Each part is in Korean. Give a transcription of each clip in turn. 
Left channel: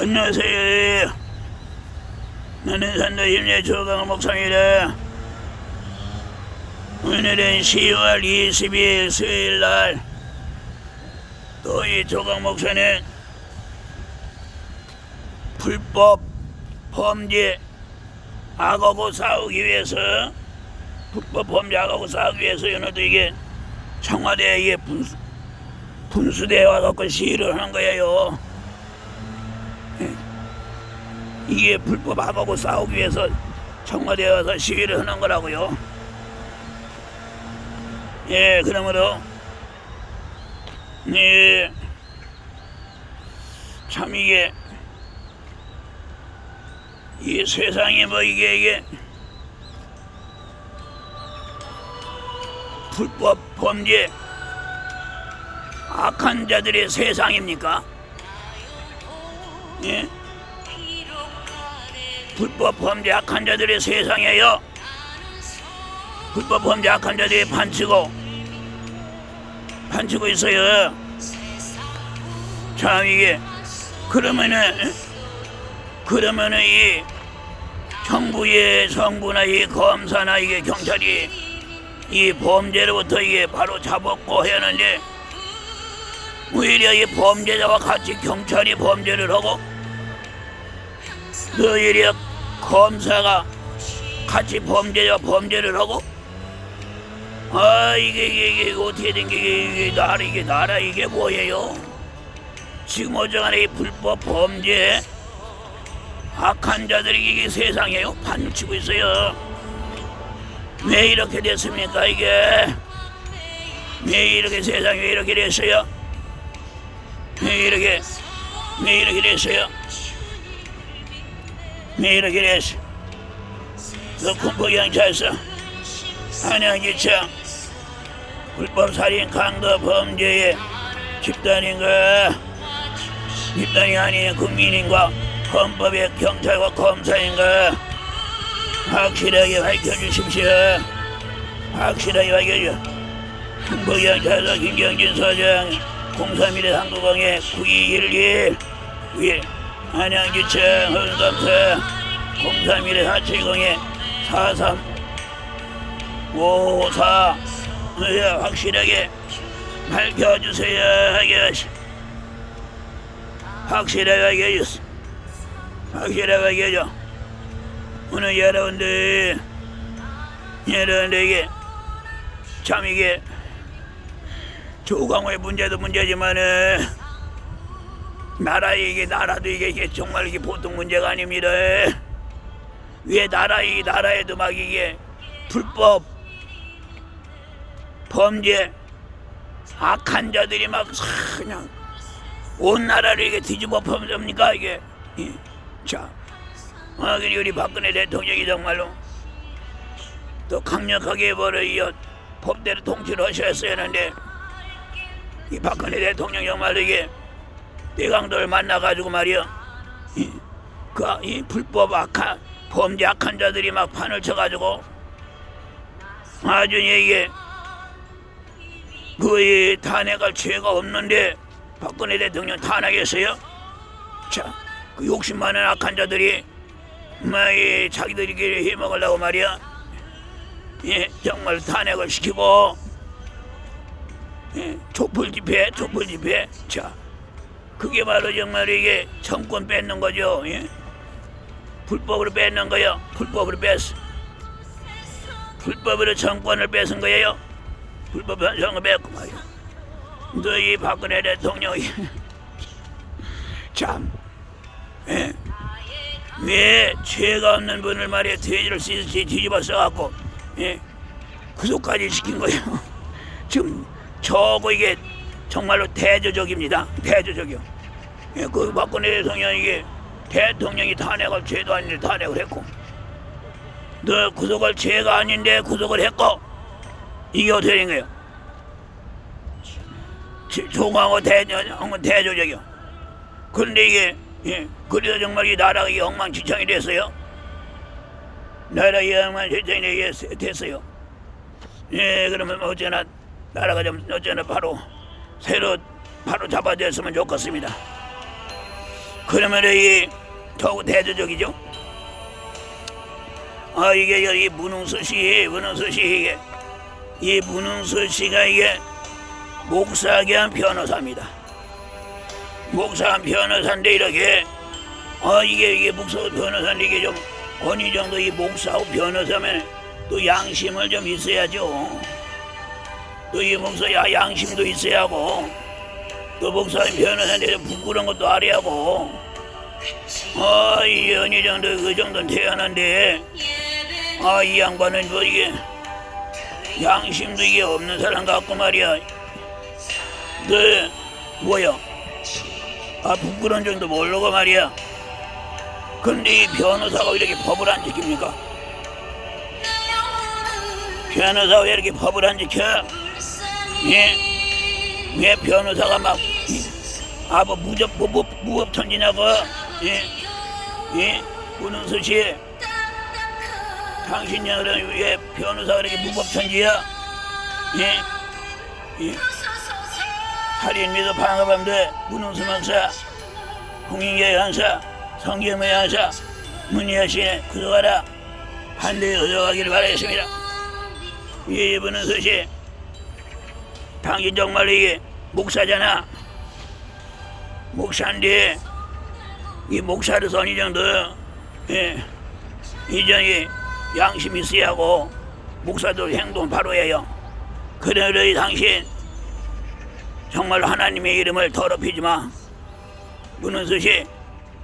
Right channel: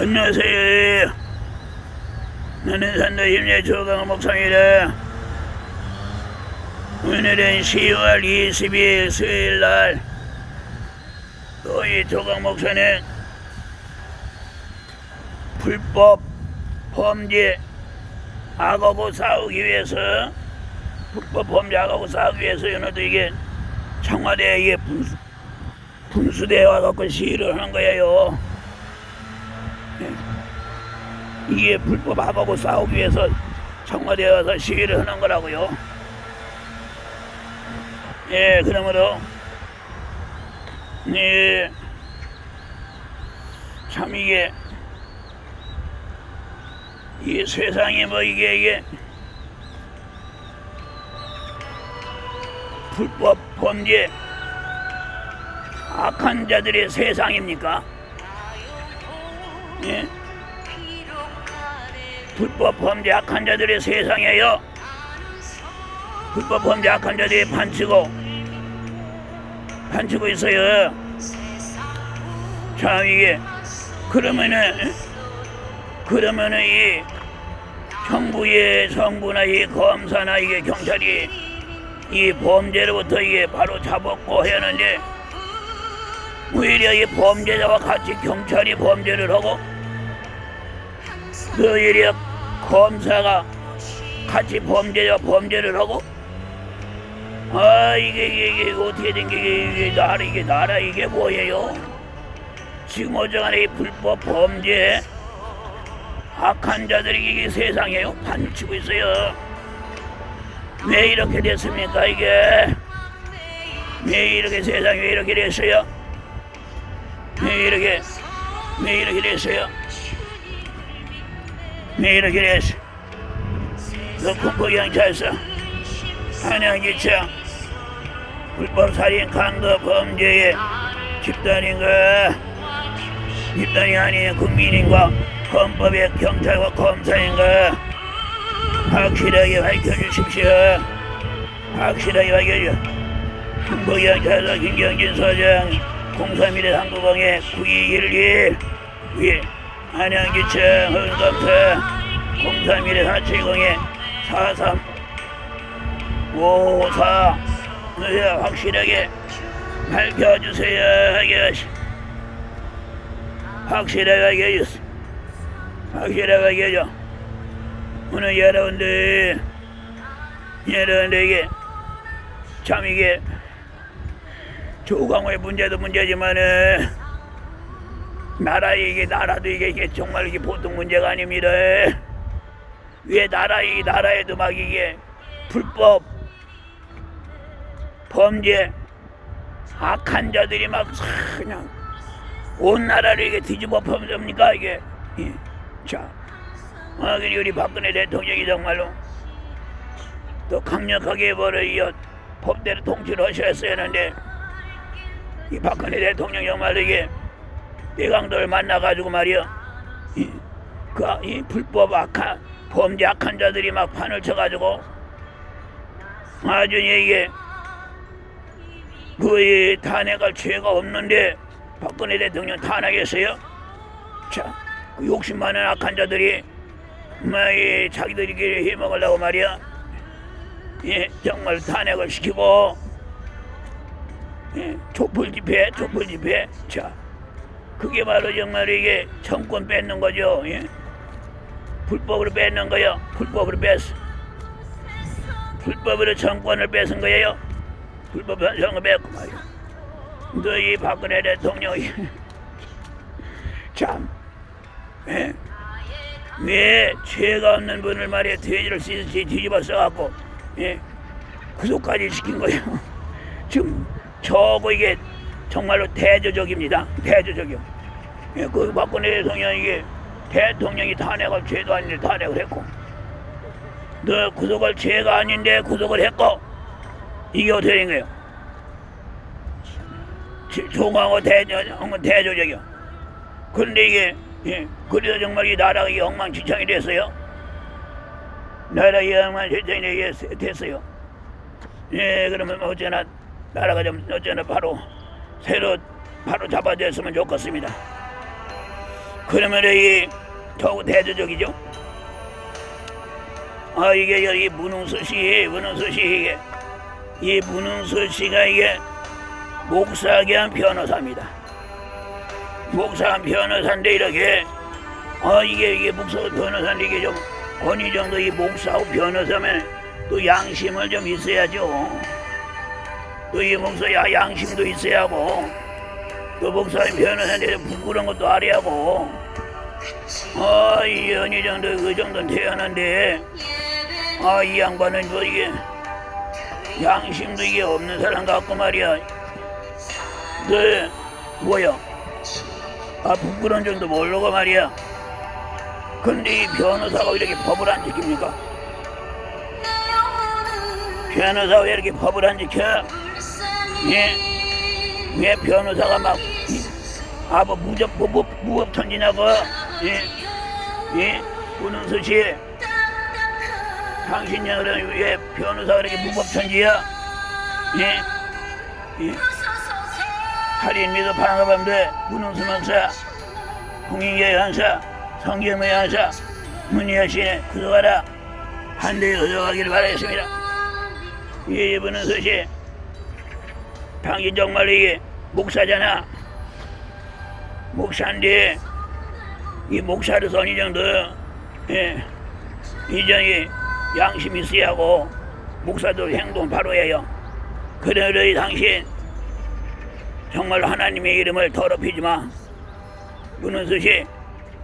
안녕하세요. 나는 산도심리의 조강 목사입니다. 오늘은 10월 22일 수요일 날, 또 이 조강 목사는 불법 범죄 악하고 싸우기 위해서 불법 범죄 악하고 싸우기 위해서 이게 청와대에 분수, 분수대에 와갖고 시위를 하는 거예요. 이게 불법 악하고 싸우기 위해서 청와대에 와서 시위를 하는 거라고요. 예, 그러므로 예, 참 이게 이 세상에 뭐 이게 이게 불법 범죄 악한 자들의 세상입니까? 불법 범죄 악한 자들의 세상이에요. 불법 범죄 악한 자들이 판치고 판치고 있어요. 참 이게 그러면은 그러면은 이 정부의 정부나 이 검사나 이게 경찰이 이 범죄로부터 이게 바로 잡았고 해야 하는데 오히려 이 범죄자와 같이 경찰이 범죄를 하고 오히려 검사가 같이 범죄자 범죄를 하고 아 이게 이게, 이게 어떻게 된 게 이게, 이게 나라 이게 나라 이게 뭐예요? 지금 어저간에 이 불법 범죄 악한 자들이 이게 세상에요 판치고 있어요. 왜 이렇게 됐습니까 이게? 왜 이렇게 세상이 왜 이렇게 됐어요? 왜 이렇게 왜 이렇게 됐어요? 됐어? 너 군부경찰서 한양지청 불법 살인 강도 범죄의 집단인가? 집단이 아닌 국민인가? 헌법의 경찰과 검사인가? 확실하게 밝혀주십시오. 확실하게 밝혀줘. 군부경찰서 김경진 서장 031의 한국공의 9211 위 안양지청 헌검사 031의 470의 43 54 예, 확실하게 밝혀주세요. 하게 확실하게 밝혀주세요. 확실하게 밝혀줘. 오늘 여러분들 여러분들 이게 참 이게 조강호의 문제도 문제지만은 나라 이게 나라도 이게, 이게 정말 이게 보통 문제가 아닙니다. 왜 나라 이 나라에도 막 이게 불법 범죄 악한 자들이 막 그냥 온 나라를 이게 뒤집어 엎습니까 이게? 예. 자, 아, 우리 박근혜 대통령이 정말로 또 강력하게 벌어 이어 법대로 통치를 하셨어야 하는데 이 박근혜 대통령 정말 이게 대강도를 만나가지고 말이야 그 이 불법 악한 범죄 악한 자들이 막 판을 쳐가지고 이게 그의 탄핵할 죄가 없는데 박근혜 대통령 탄핵했어요. 자, 그 욕심 많은 악한 자들이 막 자기들끼리 해먹으려고 말이야. 예, 정말 탄핵을 시키고 예, 촛불 집회, 촛불 집회. 자, 그게 바로 정말 이게 정권 뺏는 거죠. 예? 불법으로 뺏는 거요. 불법으로 뺏어. 불법으로 정권을 뺏은 거예요. 불법 정권 뺏고 말이야. 너희 박근혜 대통령이 참, 예? 왜 죄가 없는 분을 말이야 돼지를 씻듯이 뒤집어 써갖고 예? 구속까지 시킨 거예요. 지금 저거 이게 정말로 대조적입니다. 대조적이요. 예, 그 박근혜 대통령이 이게 대통령이 탄핵할 죄도 아닌데 탄핵을 했고 너 구속할 죄가 아닌데 구속을 했고 이게 어떻게 된 거예요? 종하고 대조적이요. 그런데 이게 예, 그래서 정말 이 나라가 이 엉망진창이 됐어요. 나라가 이 엉망진창이 됐어요. 예, 그러면 어쩌나 나라가 좀 어쩌나 바로 새로 바로 잡아줬으면 좋겠습니다. 그러면 이 더욱 대조적이죠. 아 이게 여기 문흥수 씨, 문흥수 씨 이게 이 문흥수 씨가 이게 목사겸 변호사입니다. 목사 변호사인데 이렇게 아 이게 이게 목사 변호사인데 이게 좀 어느 정도 이 목사하고 변호사면 또 양심을 좀 있어야죠. 또 이 목사 야 양심도 있어야 하고 또 목사님 변호사인데 좀 부끄러운 것도 알아야 하고 아 어느 정도 그 정도는 태어난데 아 이 양반은 뭐 이게 양심도 이게 없는 사람 같고 말이야. 네 뭐야? 아 부끄러운 정도 모르고 말이야. 근데 이 변호사가 왜 이렇게 법을 안 지킵니까? 변호사가 왜 이렇게 법을 안 지켜? 예? 왜 변호사가 막, 아, 뭐, 무접, 뭐, 뭐, 무법천지냐고? 예? 예? 문흥수 씨, 당신들은 왜 변호사가 이렇게 무법천지야? 예? 예? 살인 미도 방어범대 문흥수 목사, 홍인계 연사, 성경의 연사, 문희여씨 구독하라. 한대에 얻어가기를 바라겠습니다. 예, 이분은 서시 당신 정말 이 목사잖아. 목사인데 이 어느 정도 예, 이전이 양심이 있어야 하고 목사도 행동 바로 해요. 그러니 당신 정말 하나님의 이름을 더럽히지 마. 문은수씨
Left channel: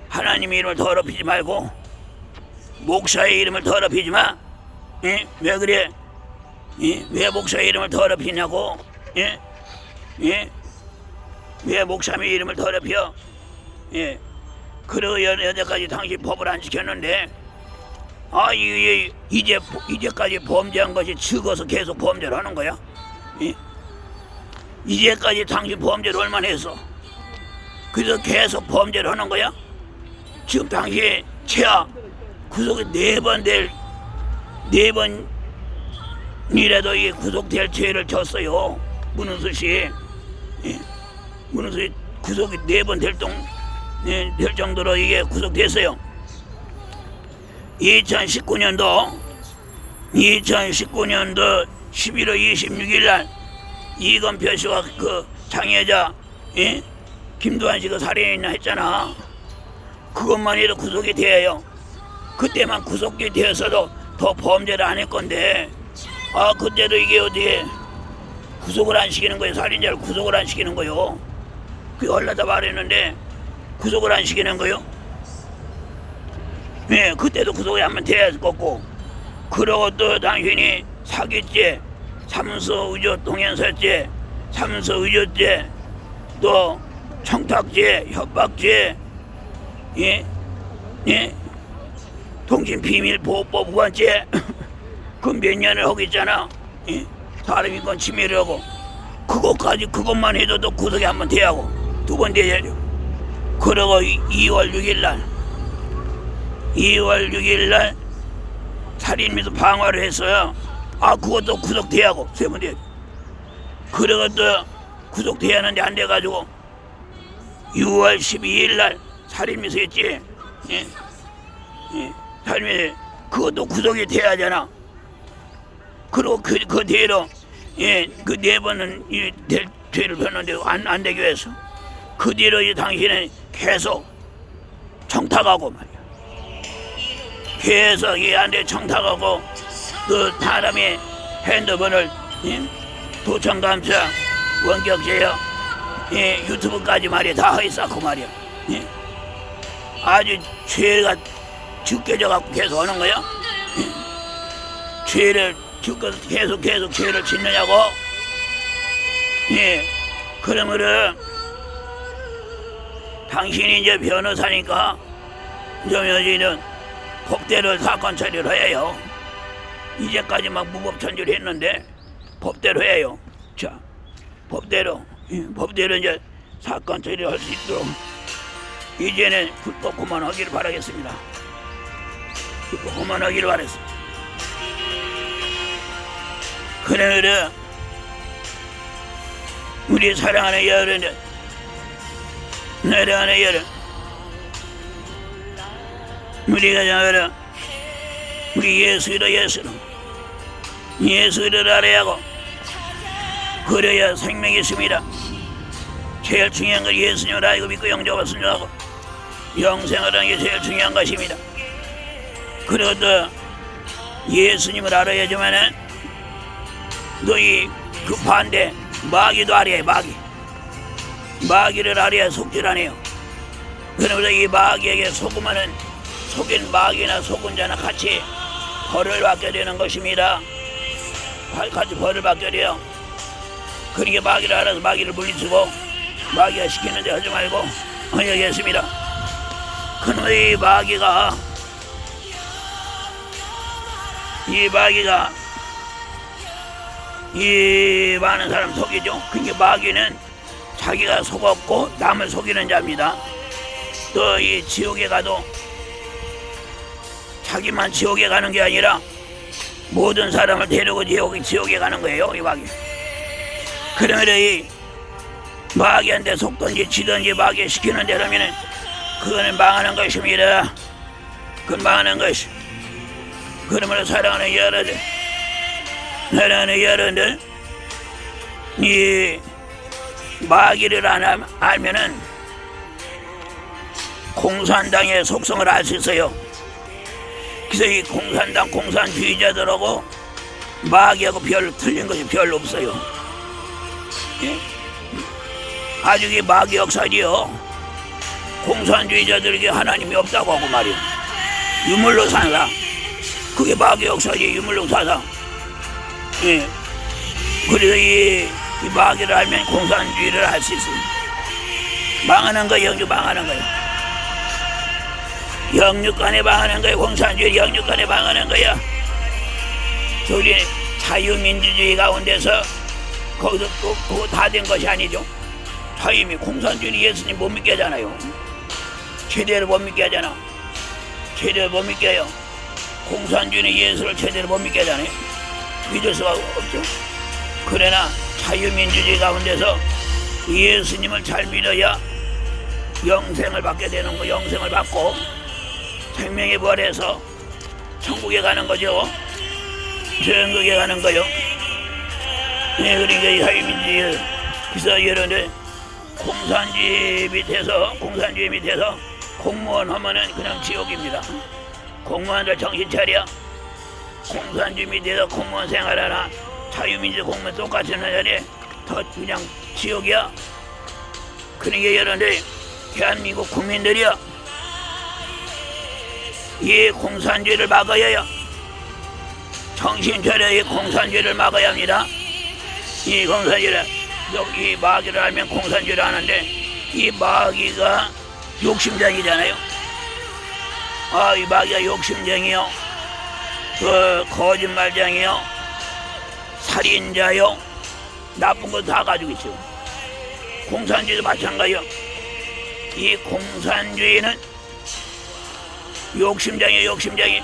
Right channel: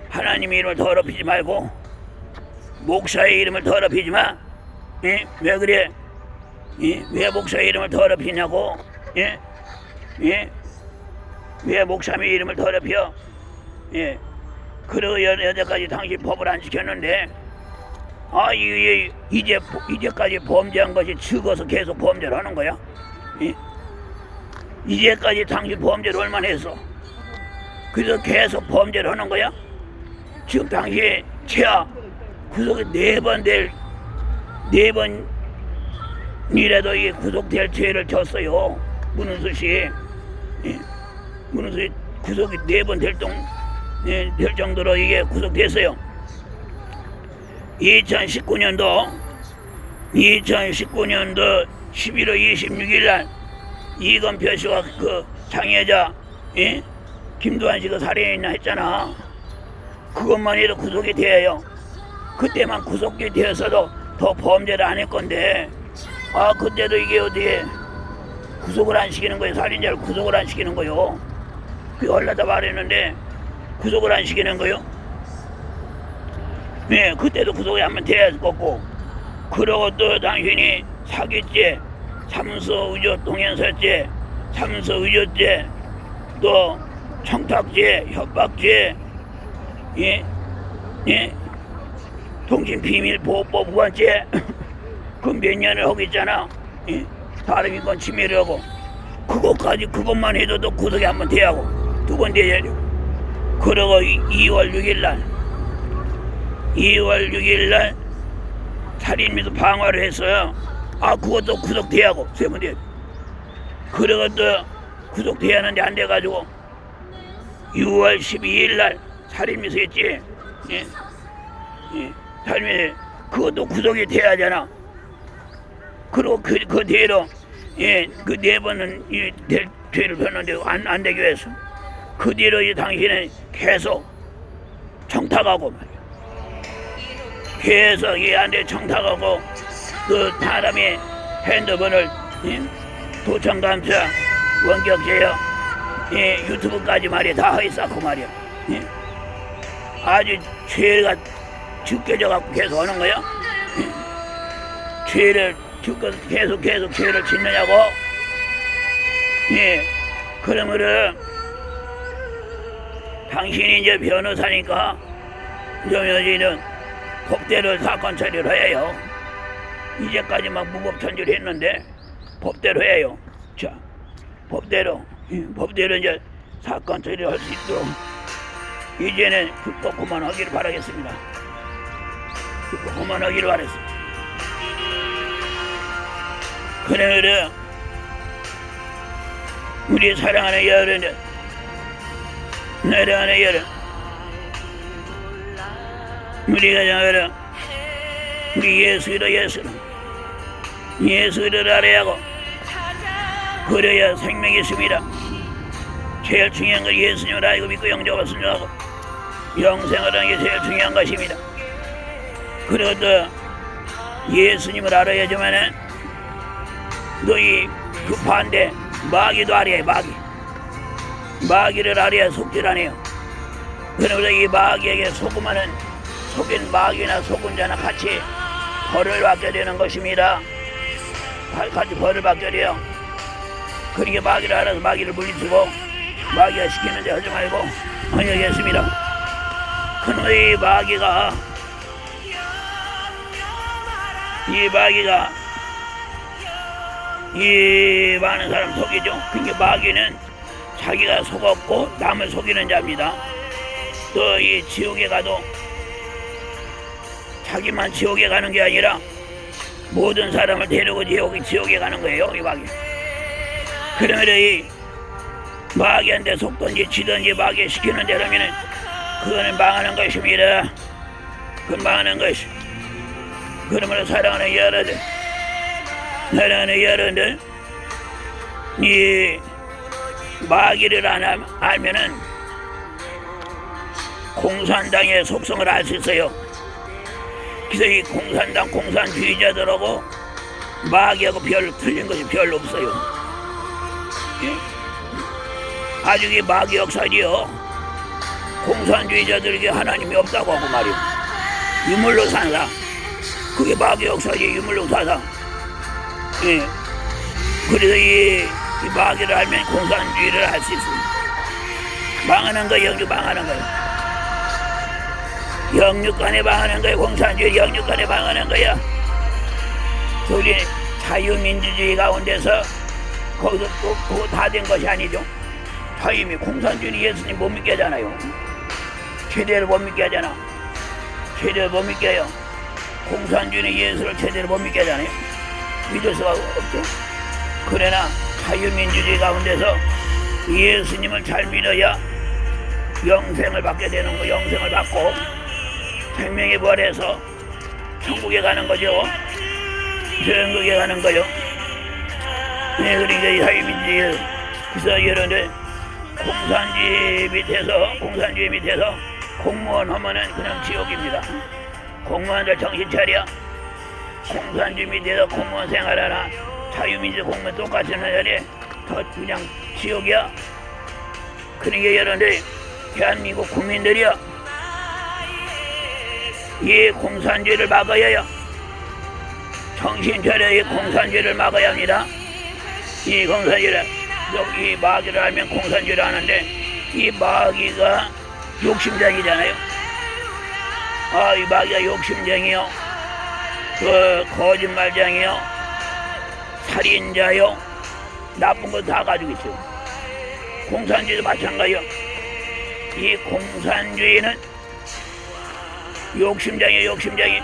하나님의 이름을 더럽히지 말고 목사의 이름을 더럽히지 마. 예? 왜 그래? 예? 왜 목사의 이름을 더럽히냐고? 예? 예? 왜 목사의 이름을 더럽혀? 예? 그러고 여- 여태까지 당신 법을 안 지켰는데 아 이게 이제 이제까지 범죄한 것이 적어서 계속 범죄를 하는 거야? 예? 이제까지 당신 범죄를 얼마나 했어? 그래서 계속 범죄를 하는 거야? 지금 당신 최하 구속이 네 번 될 네 번이라도 이 구속될 죄를 졌어요. 문은수 씨, 예. 문은수 씨 구속이 네 번될 정, 예, 될 정도로 이게 구속됐어요. 2019년도 2019년도 11월 26일 날 이건표 씨와 그 장애자 예? 김도환 씨가 살인이나 했잖아. 그것만 해도 구속이 돼요. 그때만 구속이 되었어도 더 범죄를 안 할 건데 아 그때도 이게 어디에 구속을 안 시키는 거예요. 살인자를 구속을 안 시키는 거요. 그 얼라다 말했는데 구속을 안 시키는 거요. 네, 그때도 구속이 한번 돼야 했겠고 그러고 또 당신이 사기죄, 삼서 의조 동행사죄, 삼서 의조죄, 또 청탁죄, 협박죄, 예, 예, 통신비밀보호법 위반죄 그몇 년을 하고 있잖아. 예, 사람 인권 침해를 하고 그것까지 그것만 해도 또 구속이 한번 돼야 하고 두 번 돼야죠. 그러고 2월 6일 날 2월 6일 날 살인 미수 방화를 했어요. 아 그것도 구속돼야 하고 세번 돼야 그러고 또 구속돼야 하는데 안 돼가지고 6월 12일 날 살인 미수 했지. 예? 예, 살인 미수 그것도 구속이 돼야 하잖아. 그리고 그, 그 뒤로 예, 그 네 번은 이, 될, 죄를 폈는데 안, 안 되게 해서 그 뒤로 이 당신은 계속 청탁하고 말이야. 계속 이한테 청탁하고 그 사람의 핸드폰을 예, 도청 감사 원격 제어 예, 유튜브까지 말이야 다 허있었고 말이야 예. 아주 죄가 죽게져 갖고 계속 하는 거야 예. 죄를 죽고 계속 계속 죄를 짓느냐고 예 그러면은 당신이 이제 변호사니까 좀 여기는 법대로 사건 처리를 해요. 이제까지 막 무법천지를 했는데 법대로 해요. 자, 법대로 예, 법대로 이제 사건 처리를 할 수 있도록 이제는 불법 그만하기를 바라겠습니다. 불법 그만하기를 바랬습니다. 그래 그래 우리 사랑하는 여러분들 사랑하는 여러분 우리가 정하라. 우리 예수를 예수를 예수를 알아야 하고 그래야 생명이 있습니다. 제일 중요한 건 예수님을 알고 믿고 영접을 순종하고 영생을 하는 게 제일 중요한 것입니다. 또 예수님을 알아야지만은 너희 그 반대 마귀도 알아야 해 마귀 마귀를 알아야 속질 안 해요. 그러면서 이 마귀에게 속으면은 속인 마귀나 속은 자나 같이 벌을 받게 되는 것입니다. 가- 같이 벌을 받게 돼요. 그러니까 마귀를 알아서 마귀를 물리치고 마귀가 시키는 데 하지 말고 하겠습니다. 그놈의 마귀가 이 마귀가 이 많은 사람 속이죠. 그게 마귀는 자기가 속았고 남을 속이는 자입니다. 또 이 지옥에 가도 자기만 지옥에 가는 게 아니라 모든 사람을 데리고 지옥에, 지옥에 가는 거예요. 이 마귀. 그러면 이 마귀한테 속든지 지든지 마귀 시키는 대로면은 그거는 망하는 것입니다. 그건 망하는 것이. 그러므로 사랑하는 여러들, 사랑하는 여러분들, 이 마귀를 안 알- 알면은 공산당의 속성을 있어요. 그래서 이 공산당 공산주의자들하고 마귀하고 별 틀린 것이 별로 없어요. 이? 아주 이 마귀 역사지요. 공산주의자들에게 하나님이 없다고 하고 말이요. 유물로 산다. 그게 마귀 역사지 유물로 사상. 예. 그래서 이, 이 마귀를 알면 공산주의를 할 수 있습니다. 망하는 거 영주 망하는 거예요. 영육간에 망하는 거야. 공산주의 영육간에 망하는 거야. 저기 자유민주주의 가운데서 거기서 또 다 된 것이 아니죠. 자유미 공산주의 예수님 못 믿게 하잖아요. 최대로 못 믿게 하잖아. 최대로 못 믿게 해요. 공산주의는 예수를 제대로 못 믿게 하잖아요. 믿을 수가 없죠. 그러나 자유민주주의 가운데서 예수님을 잘 믿어야 영생을 받게 되는 거, 영생을 받고 생명의 부활해서 천국에 가는 거죠. 천국에 가는 거요. 예, 그러니까 이 자유민주주의 그래서 여러분들 공산주의 밑에서 공산주의 밑에서 공무원 하면은 그냥 지옥입니다. 공무원들 정신 차려. 공산주의 밑에서 공무원 생활하나 자유민주 공무원 똑같이 하느니 더 그냥 지옥이야. 그러니까 여러분들 대한민국 국민들이여 이 공산주의를 막아야 해요. 정신 차려 이 공산주의를 막아야 합니다. 이 공산주의를 이 마귀를 알면 공산주의를 하는데 이 마귀가 욕심쟁이잖아요. 아, 이 마귀가 욕심쟁이요. 그 거짓말쟁이요. 살인자요. 나쁜 거 다 가지고 있어요. 공산주의도 마찬가지요. 이 공산주의는 욕심쟁이 욕심쟁이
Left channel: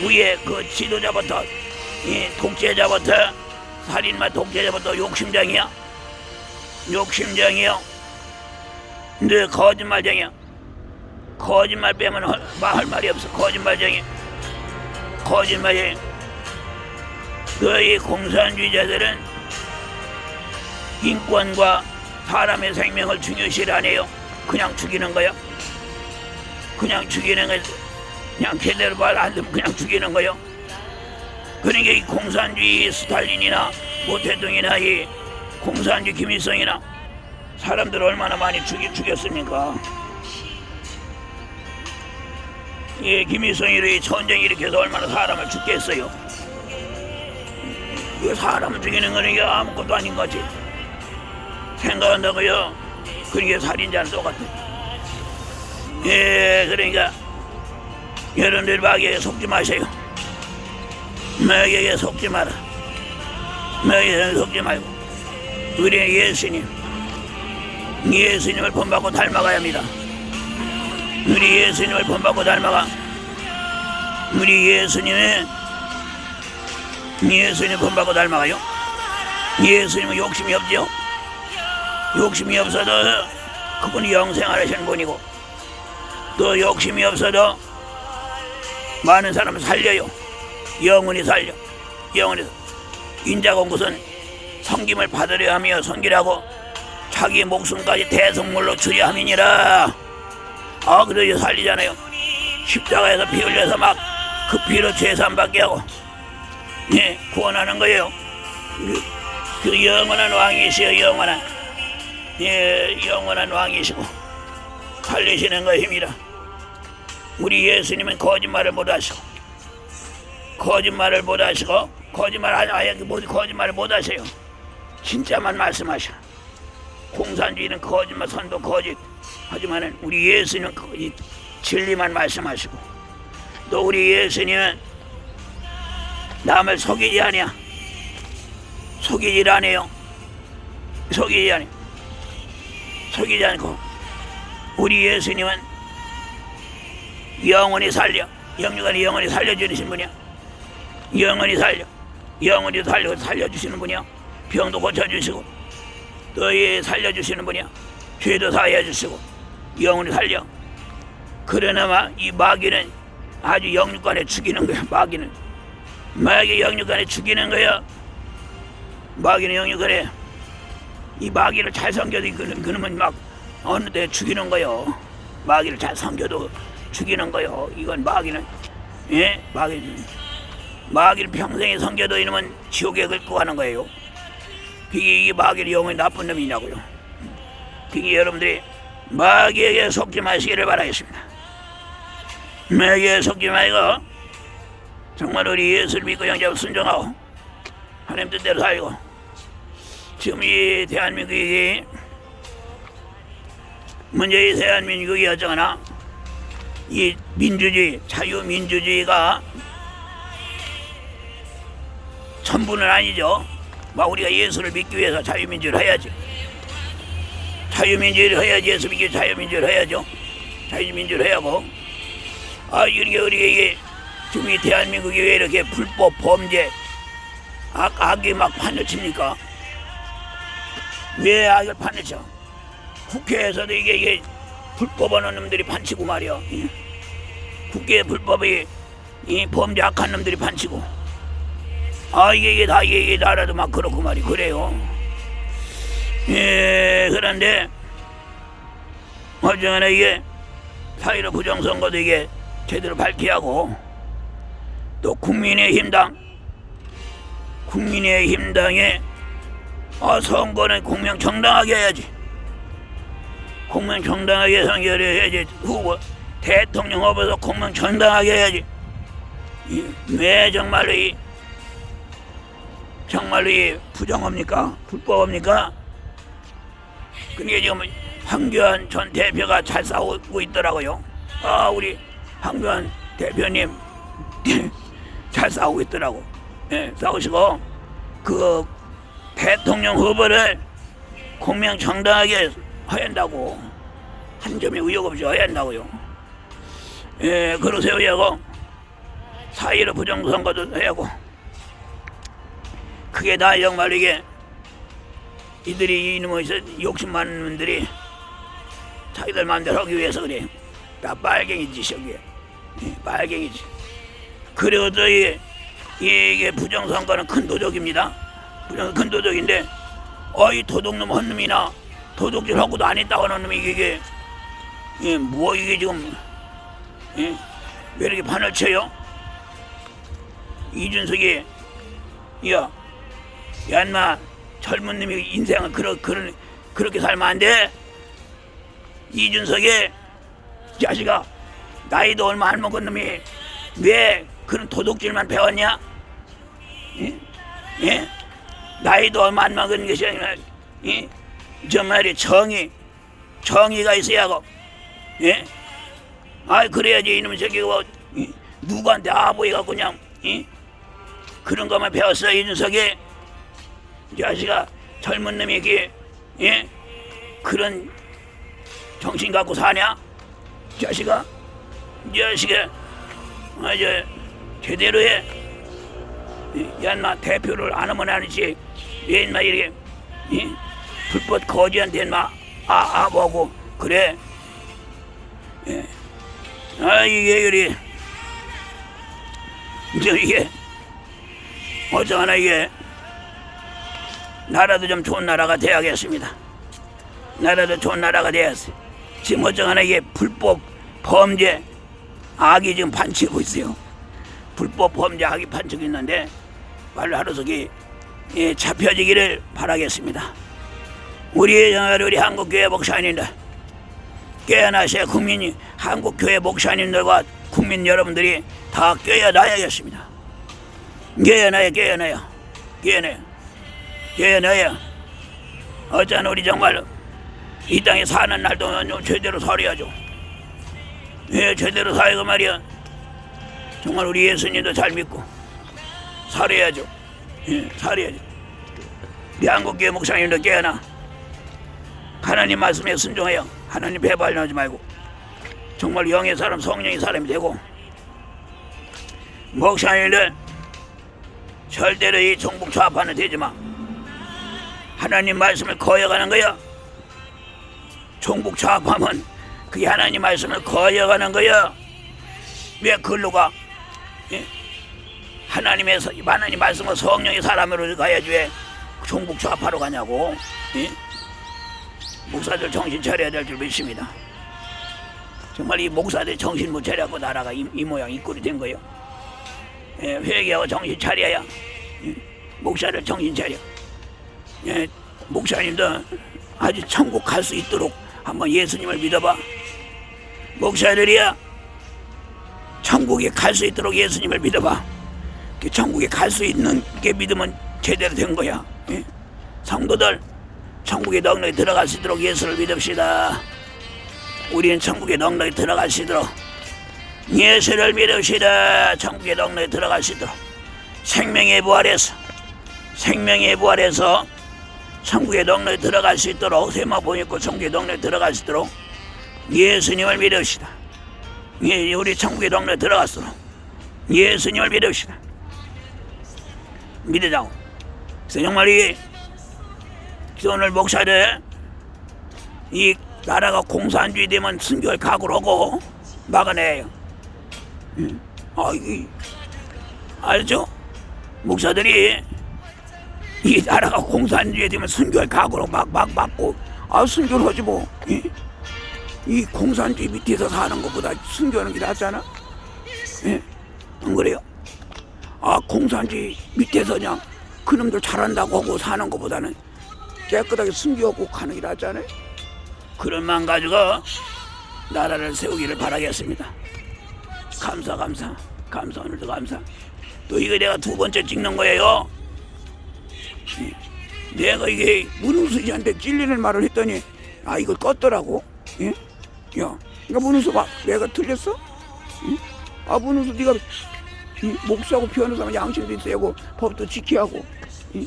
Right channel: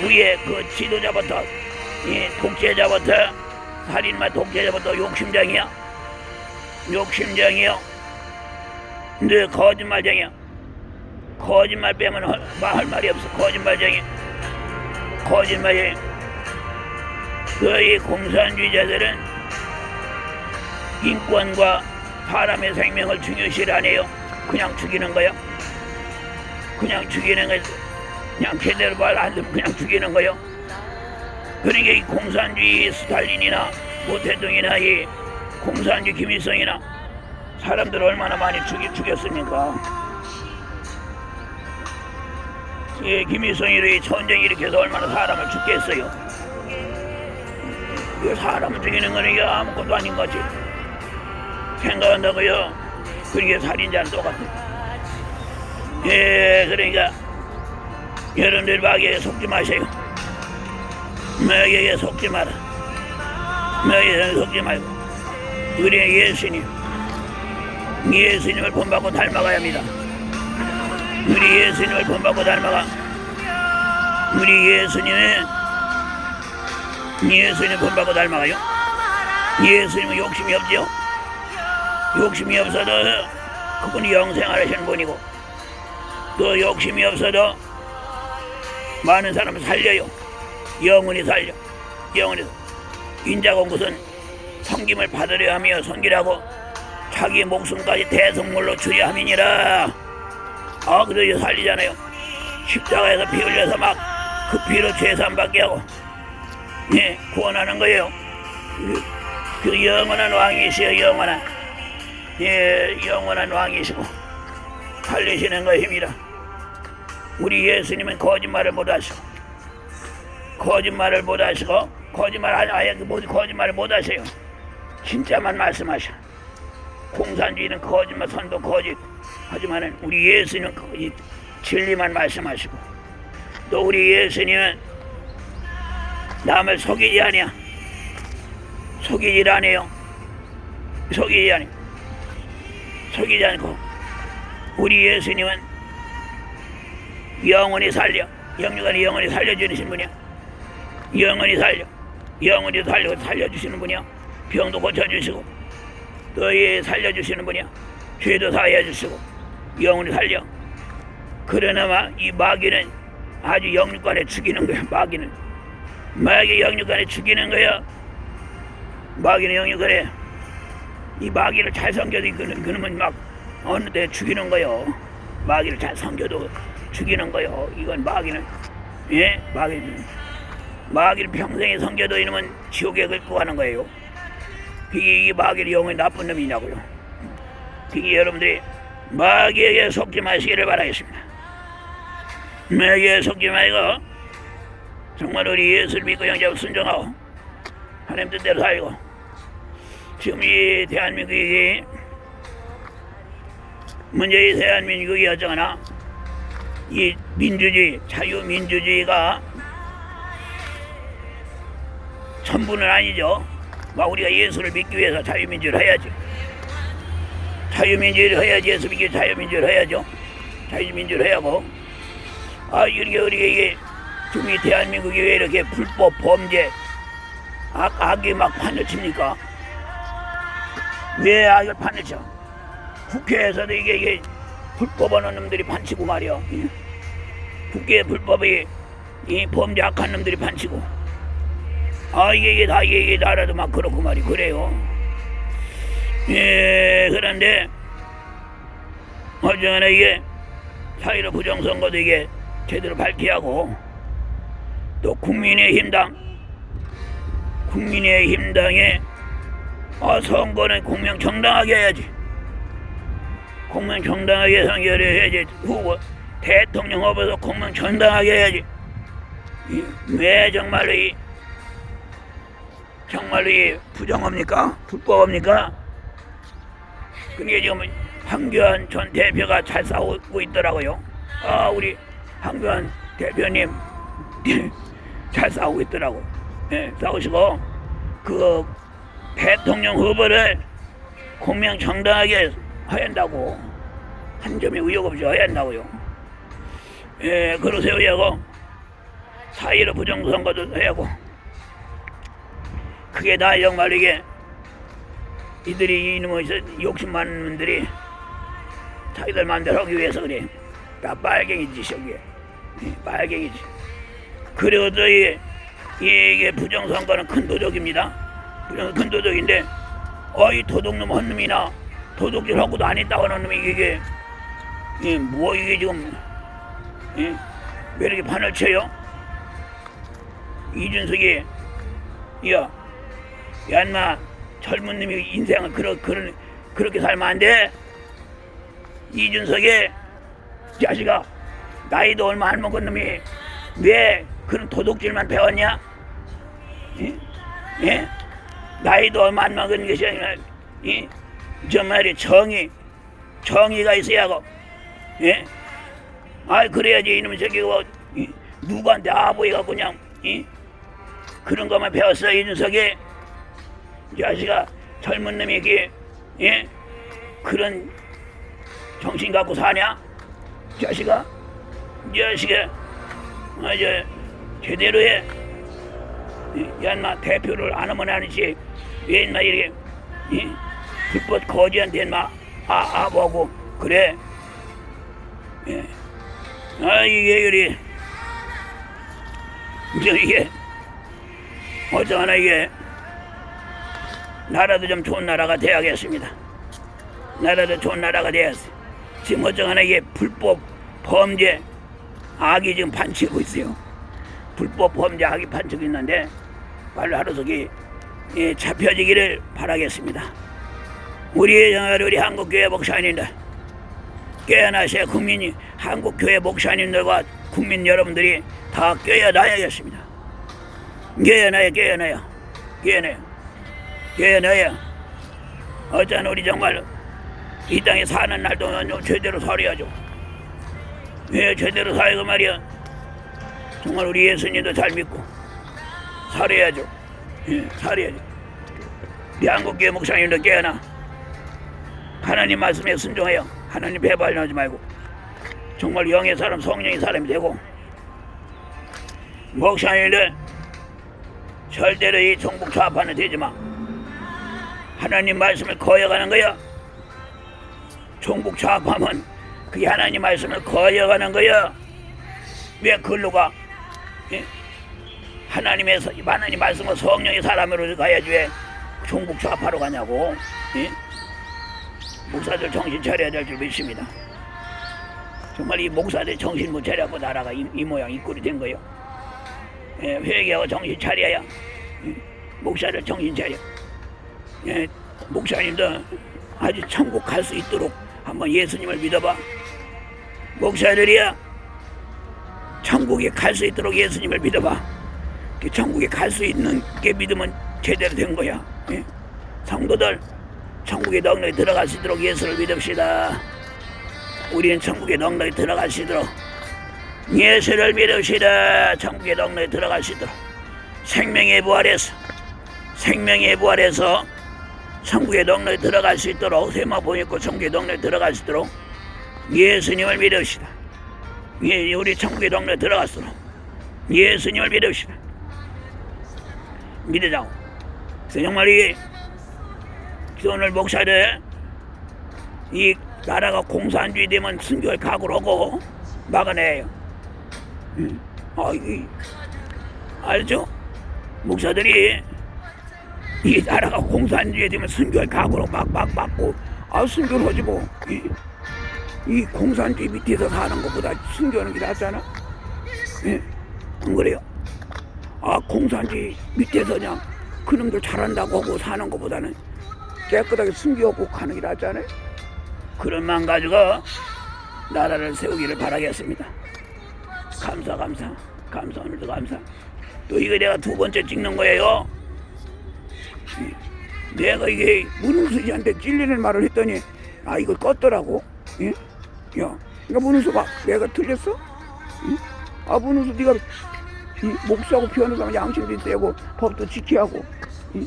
위에 그 지도자부터 이 독재자부터 살인마 독재자부터 욕심쟁이야 욕심쟁이요 너 거짓말쟁이야 거짓말 빼면 할, 말- 할 말이 없어 거짓말쟁이 거짓말쟁이 너희 공산주의자들은 인권과 사람의 생명을 중요시 안 해요 그냥 죽이는 거야 그냥 죽이는 거 그냥 제대로 말안 듣면 그냥 죽이는 거요. 그러니까 이 공산주의 스탈린이나 모태동이나 이 공산주의 김일성이나 사람들 얼마나 많이 죽이, 죽였습니까? 이 김일성이 전쟁 일으켜서 얼마나 사람을 죽게 했어요. 이 사람을 죽이는 거는 이게 아무것도 아닌 거지. 생각한다고요. 그러니까 살인자는 똑같아. 예, 그러니까 여러분들 마귀에 속지 마세요. 마귀에 속지 마라. 마귀에 속지 말고 우리 예수님, 예수님을 본받고 닮아가야 합니다. 우리 예수님을 본받고 닮아가. 우리 예수님의 예수님 본받고 닮아가요. 예수님은 욕심이 없지요. 욕심이 없어도 그분이 영생하시는 분이고 또 욕심이 없어도 많은 사람을 살려요. 영원히 살려. 영원히. 것은 성김을 받으려 하며 성기라고 자기 목숨까지 대성물로 주려 함이니라. 아, 그래서 살리잖아요. 십자가에서 피 흘려서 막 그 피로 죄산 받게 하고, 예, 구원하는 거예요. 그, 그 영원한 왕이시여, 영원한. 예, 영원한 왕이시고, 살리시는 것입니다. 우리 예수님은 거짓말을 못 하시고, 거짓말을 못 하시고, 거짓말 아예, 뭐- 거짓말을 못 하세요. 진짜만 말씀하셔. 공산주의는 거짓말, 선도 거짓. 하지만은 우리 예수님은 거짓, 진리만 말씀하시고, 또 우리 예수님은 남을 속이지 아니야. 속이질 않아요. 속이지 않아요. 속이지 않고 우리 예수님은 영원히 살려 영육간에 영원히 살려주시는 분이야 영원히 살려 영원히 살려 살려주시는 분이야 병도 고쳐주시고 또이 살려주시는 분이야 죄도 사해 주시고 영원히 살려 그러나마 이 마귀는 아주 영육간에 죽이는 거야 마귀는 마귀 영육간에 죽이는 거야 마귀는 영육간에 이 마귀를 잘 섬겨도 그는 그놈은 막 어느 때 죽이는 거요. 마귀를 잘 섬겨도 죽이는 거요. 이건 마귀는 예 마귀는 마귀를 평생에 섬겨도 이놈은 지옥에 긁고 가는 거예요. 이게, 마귀를 영원히 나쁜 놈이냐고요. 이게 여러분들이 마귀에게 속지 마시기를 바라겠습니다. 마귀에 속지 말고 정말 우리 예수를 믿고 영접 순종하고 하나님 뜻대로 살고 지금 이 대한민국이 먼저 이 대한민국이 어쩌거나 이 민주주의 자유민주주의가 전부는 아니죠. 막 우리가 예수를 믿기 위해서 자유민주를 해야죠. 자유민주를 해야지 예수 믿기 자유민주를 해야죠. 자유민주를 해야 하고 아 이렇게 우리가 이게 지금 이 대한민국이 왜 이렇게 불법 범죄 악, 악이 막 판을 칩니까? 왜 악을 판을 쳐? 국회에서도 이게, 이게 불법하는 놈들이 판치고 말이야. 응? 국회 불법이 이 범죄 악한 놈들이 판치고. 아 이게, 이게 다 이게, 이게 나라도 막 그렇고 말이 그래요. 예 그런데 어쩌나 이게 사회로 부정선거도 이게 제대로 밝혀야 하고 또 국민의힘당 국민의힘당에 어, 선거는 공명 정당하게 해야지. 공명 정당하게 선거를 해야지. 후보 대통령 후보도 공명 정당하게 해야지. 이, 왜 정말로 이 정말로 이 부정합니까? 불법합니까? 근데 지금 황교안 전 대표가 잘 싸우고 있더라고요. 아 우리 황교안 대표님 잘 싸우고 있더라고. 예, 싸우시고 그 대통령 후보를 공명 정당하게 해야 한다고 한 점의 의혹 없이 해야 한다고요. 예, 그러세요 하고 사이로 부정선거도 하고 그게 다 정말 이게 이들이 이놈의 욕심 많은 놈들이 자기들 마음대로 하기 위해서 그래. 다 빨갱이지 저게 예, 빨갱이지. 또 이, 이게 부정선거는 큰 도적입니다. 부정 큰 도적인데 어이 도둑놈 한 놈이나 도둑질 하고도 안 했다고 하는 놈이 이게 이 뭐 이게 지금 예? 왜 이렇게 판을 쳐요? 이준석이 야, 야 인마 젊은 놈이 인생을 그러, 그러, 그렇게 살면 안 돼. 이준석이 자식아 나이도 얼마 안 먹은 놈이 왜 그런 도둑질만 배웠냐? 응? 예? 나이도 얼마 안 먹은 것이 아니라 이 정말이 정의 정의가 있어야 하고 예? 아 그래야지 이놈 새끼가 뭐, 이, 누구한테 아보이 갖고 그냥 이? 그런 것만 배웠어 이준석이 이 자식아 젊은 놈에게 예? 그런 정신 갖고 사냐? 이 자식아 이 자식아 아 저 제대로 해. 이 야마 대표를 안 하면 아니지 왜 인마 이렇게 이? 불법 거지한테 인마 아, 아 보고 그래 예. 아 이게 그리 저 이게 어쩌나 이게 나라도 좀 좋은 나라가 돼야겠습니다. 나라도 좋은 나라가 돼야지. 지금 어쩌나 이게 불법 범죄 악이 지금 판치고 있어요. 불법 범죄 악이 판치고 있는데 빨리 하루속히 예, 잡혀지기를 바라겠습니다. 우리 우리 한국교회 목사님들 깨어나셔 국민이 한국교회 목사님들과 국민 여러분들이 다 깨어나야겠습니다. 깨어나요, 깨어나요, 깨어나요, 깨어나요. 어쩌나 우리 정말 이 땅에 사는 날도 제대로 살아야죠. 예, 제대로 살고 말이야. 정말 우리 예수님도 잘 믿고 살아야죠. 예, 살아야죠. 우리 한국교회 목사님도 깨어나. 하나님 말씀에 순종해요. 하나님 배발하지 말고 정말 영의 사람, 성령의 사람이 되고 목사님들 절대로 이 정복 좌파는 되지 마. 하나님 말씀을 거역하는 거야. 종북 좌파면 그게 하나님 말씀을 거역하는 거야. 왜 글로 가? 예? 하나님의 서- 하나님 말씀과 성령의 사람으로 가야지 왜 종북 좌파로 가냐고. 예? 목사들 정신 차려야 될 줄 믿습니다. 정말 이 목사들 정신 못 차려고 나라가 이, 이 모양 이 꼴이 된 거예요. 예, 회개하고 정신 차려야 예, 목사들 정신 차려. 예, 목사님도 아주 천국 갈 수 있도록 한번 예수님을 믿어봐. 목사들이야 천국에 갈 수 있도록 예수님을 믿어봐. 그 천국에 갈 수 있는 게 믿으면 제대로 된 거야. 예? 성도들 천국에 넉넉히 들어갈 수 있도록 예수를 믿읍시다. 우리는 천국에 넉넉히 들어갈 수 있도록 예수를 믿읍시다. 천국에 넉넉히 들어갈 수 있도록 생명의 부활에서 생명의 부활에서 천국에 넉넉히 들어갈 수 있도록 세마봉 있고 천국에 넉넉히 들어갈 수 있도록 예수님을 믿읍시다. 예, 우리 천국에 넉넉히 들어갔도록 예수님을 믿읍시다. 믿으자고. 정말 이 오늘 목사들 이 나라가 공산주의 되면 순교할 각오를 하고 막아내요. 음. 아, 이 알죠? 목사들이 이 나라가 공산주의 되면 순교할 각오로 막 막 막고 아 순교를 하지 뭐. 이, 이 공산주의 밑에서 사는 것보다 순교하는 게 낫잖아. 예? 안 그래요? 아 공산주의 밑에서 그냥 그놈들 잘한다고 하고 사는 것보다는 깨끗하게 숨기고 가는 게 낫잖아요. 그런 마음 가지고 나라를 세우기를 바라겠습니다. 감사 감사 감사 오늘도 감사. 또 이거 내가 두 번째 찍는 거예요. 내가 이게 문흥수 씨한테 찔리는 말을 했더니 아 이거 껐더라고. 예? 야, 이거 문흥수 봐. 내가 틀렸어? 응? 아 문흥수 네가 응? 목사하고 변호사면 양심도 있어야고 법도 지켜야 하고 응?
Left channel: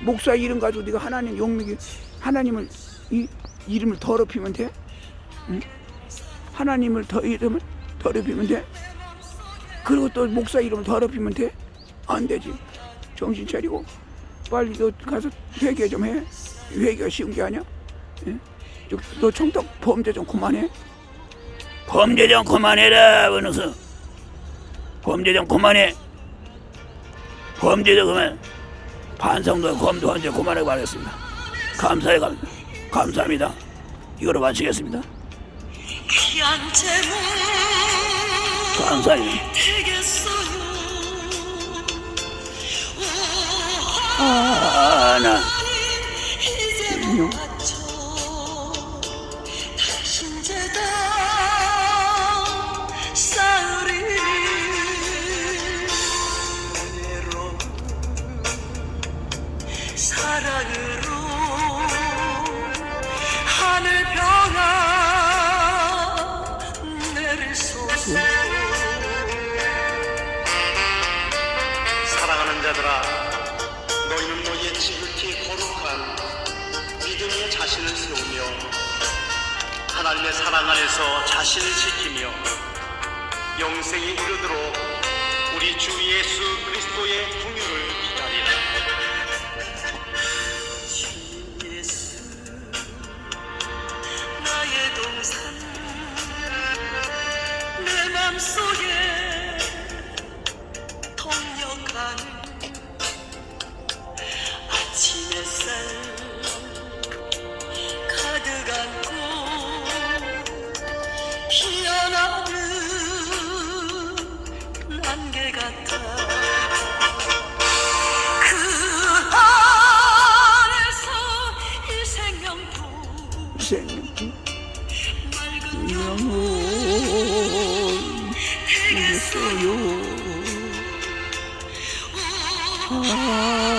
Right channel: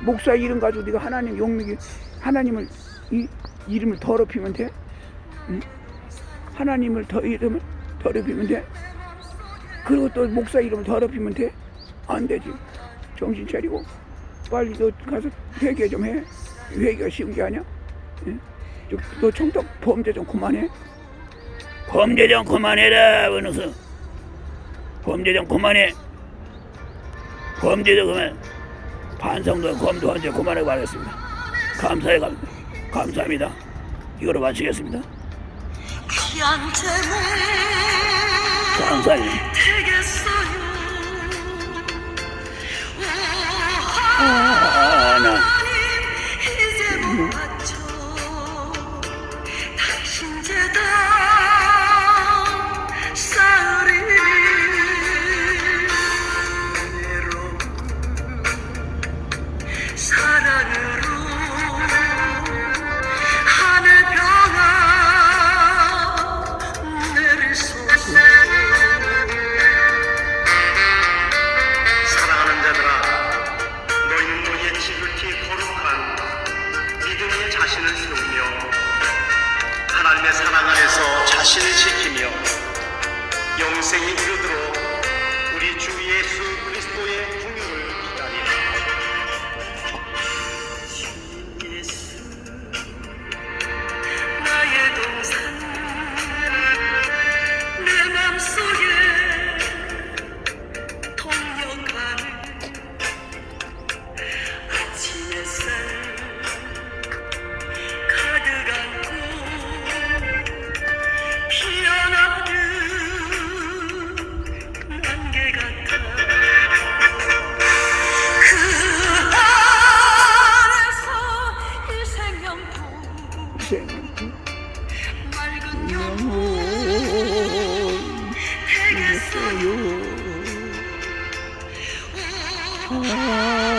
목사 이름 가지고 네가 하나님 용미기 하나님을 이 이름을 더럽히면 돼? 응? 하나님을 더 이름을 더럽히면 돼? 그리고 또 목사 이름을 더럽히면 돼? 안 되지. 정신 차리고 빨리 너 가서 회개 좀 해. 회개가 쉬운 게 아니야. 예? 저- 너 청탁 범죄 좀 그만해. 범죄 좀 그만해라, 원우수. 범죄 좀 그만해. 범죄 좀 그만. 반성도 검도 언제 그만하고 말했습니다. 감사해 감 감사합니다. 이거로 마치겠습니다. 감사해요. 되겠어요 아, 나. 이 지극히 거룩한 믿음의 자신을 세우며 하나님의 사랑 안에서 자신을 지키며 영생이 이르도록 우리 주 예수 그리스도의 생 영혼 이겼어요 아